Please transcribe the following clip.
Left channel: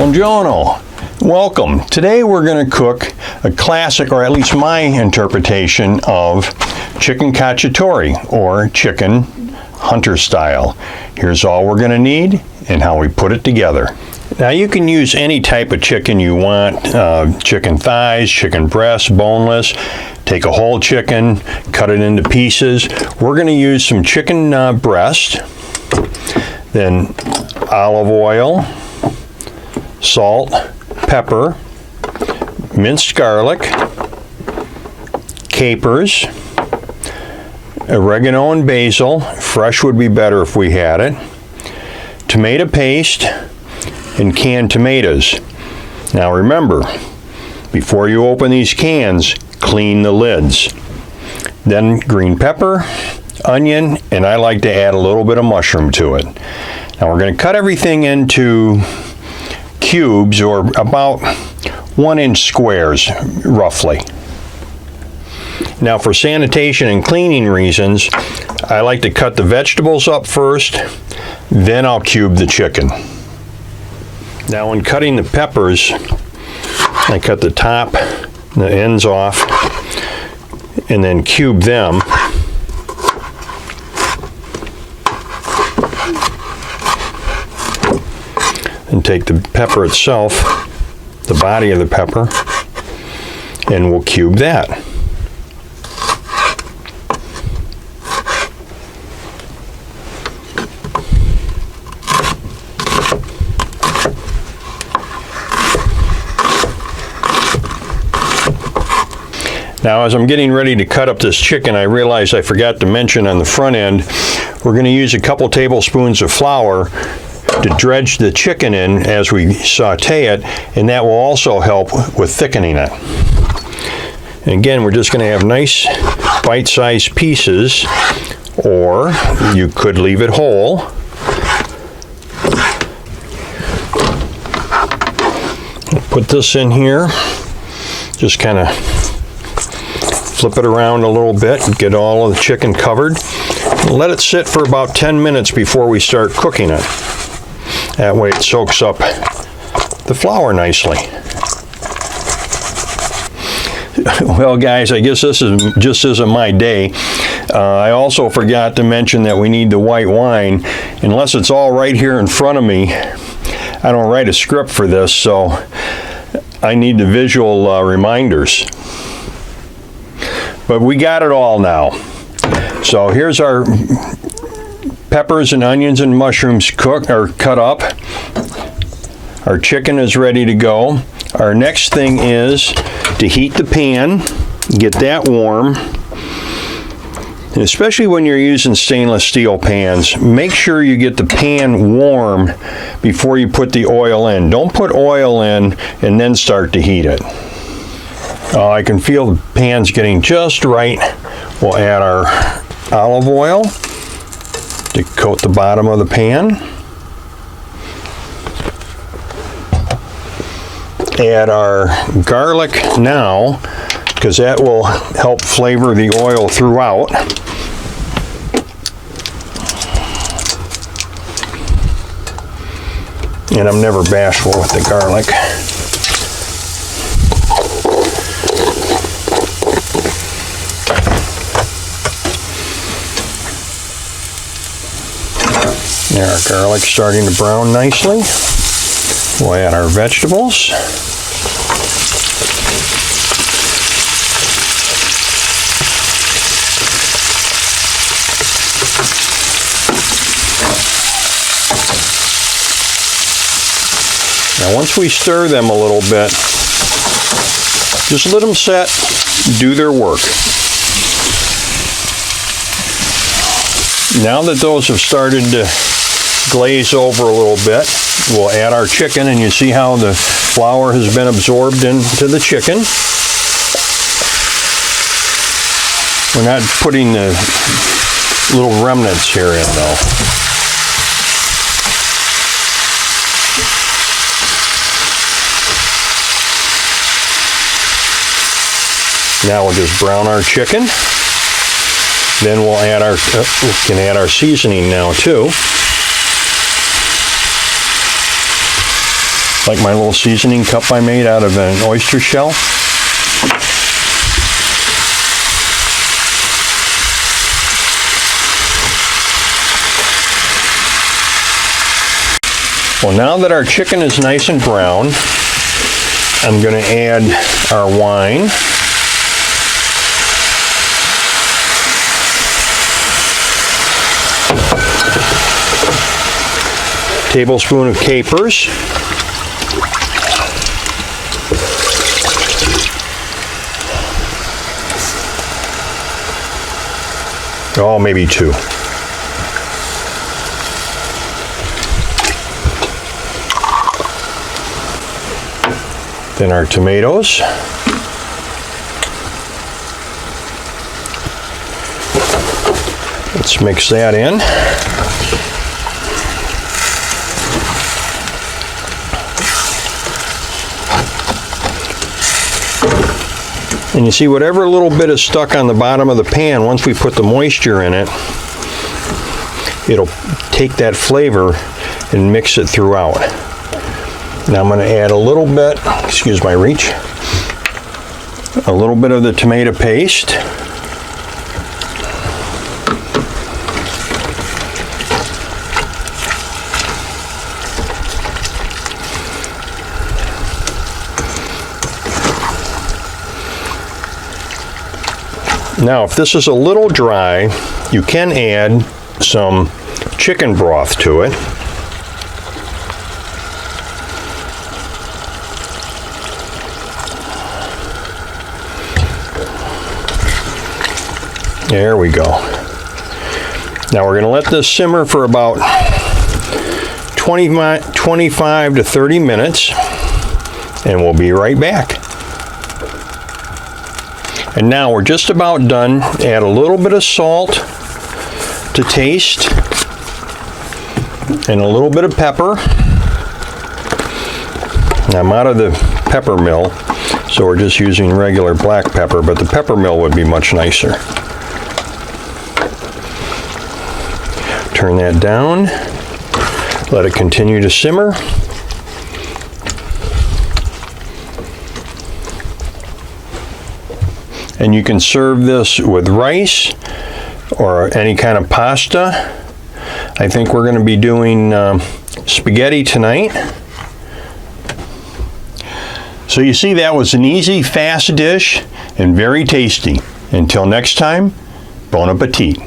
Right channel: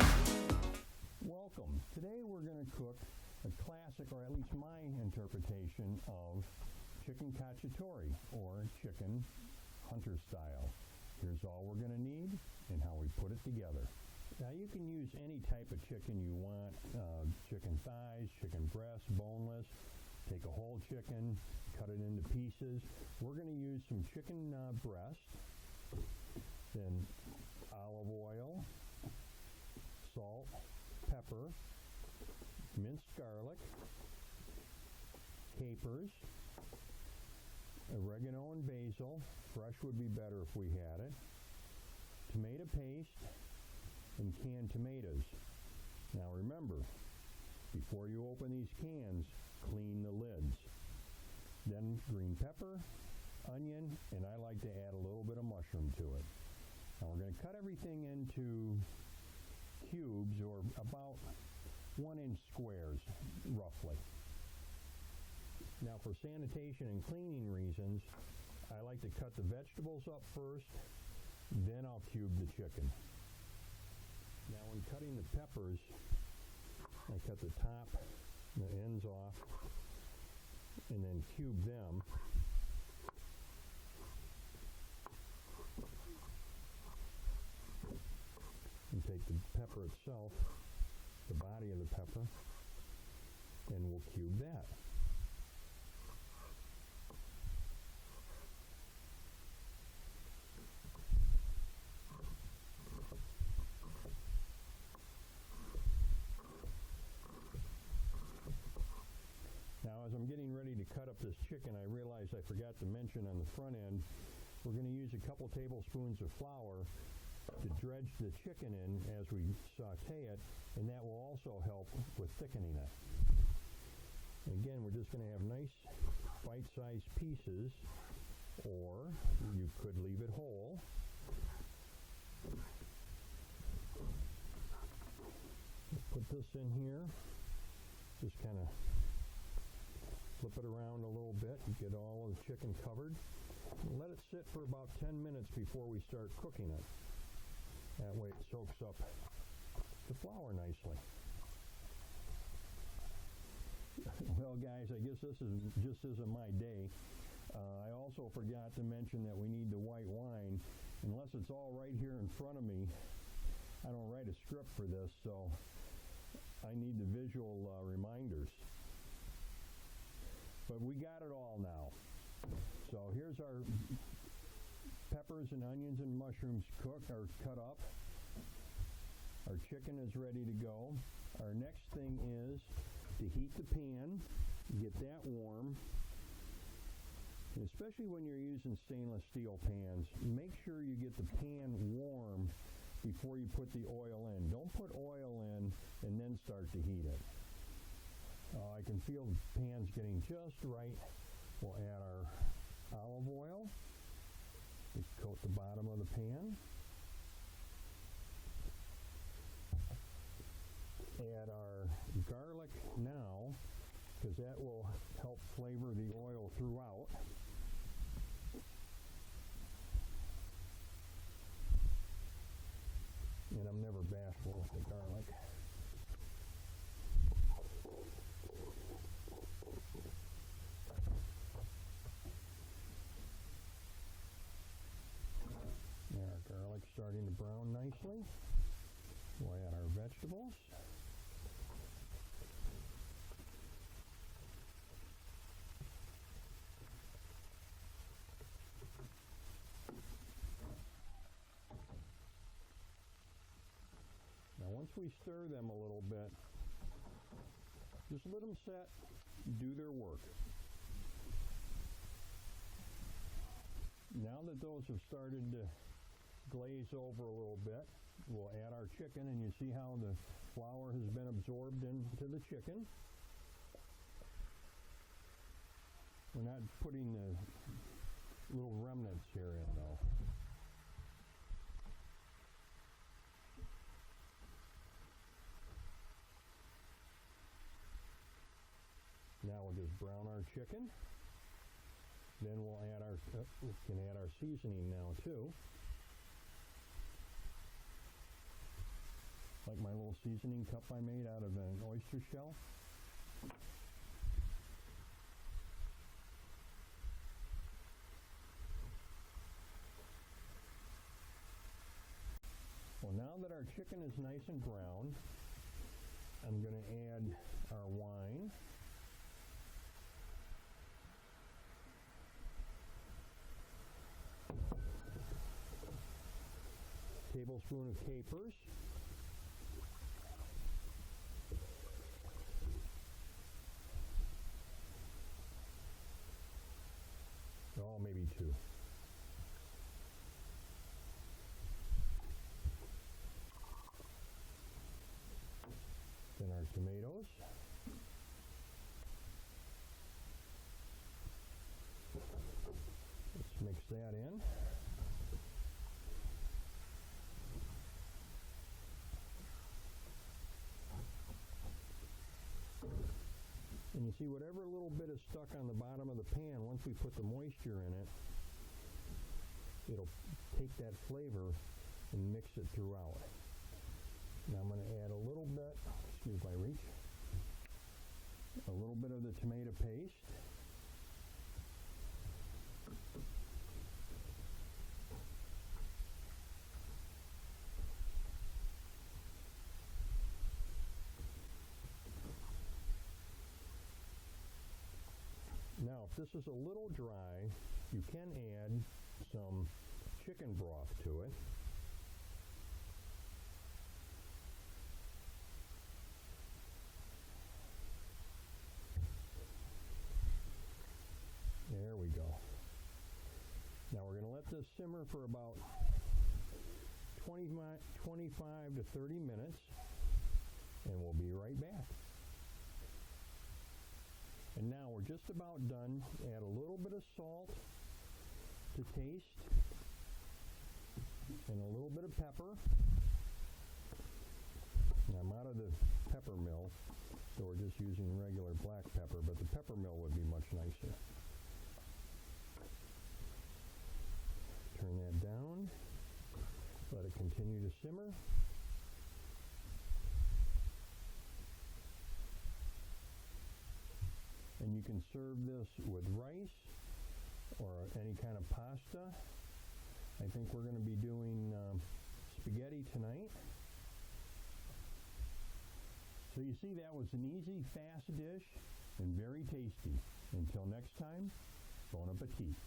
Buongiorno. Welcome. Today we're going to cook a classic, or at least my interpretation of chicken cacciatore, or chicken hunter style. Here's all we're going to need and how we put it together. Now you can use any type of chicken you want, chicken thighs, chicken breasts, boneless. Take a whole chicken, cut it into pieces. We're going to use some chicken breast, then olive oil, salt, pepper, minced garlic, capers, oregano and basil. Fresh would be better if we had it. Tomato paste and canned tomatoes. Now remember, before you open these cans, clean the lids. Then green pepper, onion, and I like to add a little bit of mushroom to it. Now we're going to cut everything into cubes, or about 1-inch squares, roughly. Now for sanitation and cleaning reasons, I like to cut the vegetables up first, then I'll cube the chicken. Now when cutting the peppers, I cut the top, the ends off, and then cube them. And take the pepper itself, the body of the pepper, and we'll cube that. Now as I'm getting ready to cut up this chicken, I realized I forgot to mention on the front end, we're going to use a couple tablespoons of flour to dredge the chicken in as we saute it, and that will also help with thickening it. And again, we're just going to have nice bite-sized pieces, or you could leave it whole. Put this in here, just kind of flip it around a little bit and get all of the chicken covered. Let it sit for about 10 minutes before we start cooking it. That way it soaks up the flour nicely. Well guys, I guess this just isn't my day. I also forgot to mention that we need the white wine. Unless it's all right here in front of me, I don't write a script for this, so I need the visual reminders. But we got it all now. So here's our peppers and onions and mushrooms cooked or cut up. Our chicken is ready to go. Our next thing is to heat the pan, get that warm. And especially when you're using stainless steel pans, make sure you get the pan warm before you put the oil in. Don't put oil in and then start to heat it. I can feel the pan's getting just right. We'll add our olive oil to coat the bottom of the pan. Add our garlic now, because that will help flavor the oil throughout. And I'm never bashful with the garlic. There, our garlic's starting to brown nicely. We'll add our vegetables. Now once we stir them a little bit, just let them set, do their work. Now that those have started to glaze over a little bit, we'll add our chicken, and you see how the flour has been absorbed into the chicken. We're not putting the little remnants here in though. Now we'll just brown our chicken. Then we'll add our, we can add our seasoning now too. like my little seasoning cup I made out of an oyster shell. Well, now that our chicken is nice and brown, I'm going to add our wine. Tablespoon of capers. Oh, maybe 2. Then our tomatoes. Let's mix that in. And you see, whatever little bit is stuck on the bottom of the pan, once we put the moisture in it, it'll take that flavor and mix it throughout. Now I'm going to add a little bit, excuse my reach, a little bit of the tomato paste. Now, if this is a little dry, you can add some chicken broth to it. There we go. Now we're going to let this simmer for about 25 to 30 minutes, and we'll be right back. And now we're just about done. Add a little bit of salt to taste and a little bit of pepper. Now, I'm out of the pepper mill, so we're just using regular black pepper, but the pepper mill would be much nicer. Turn that down. Let it continue to simmer. And you can serve this with rice or any kind of pasta. I think we're going to be doing spaghetti tonight. So you see, that was an easy, fast dish and very tasty. Until next time, bon appetit.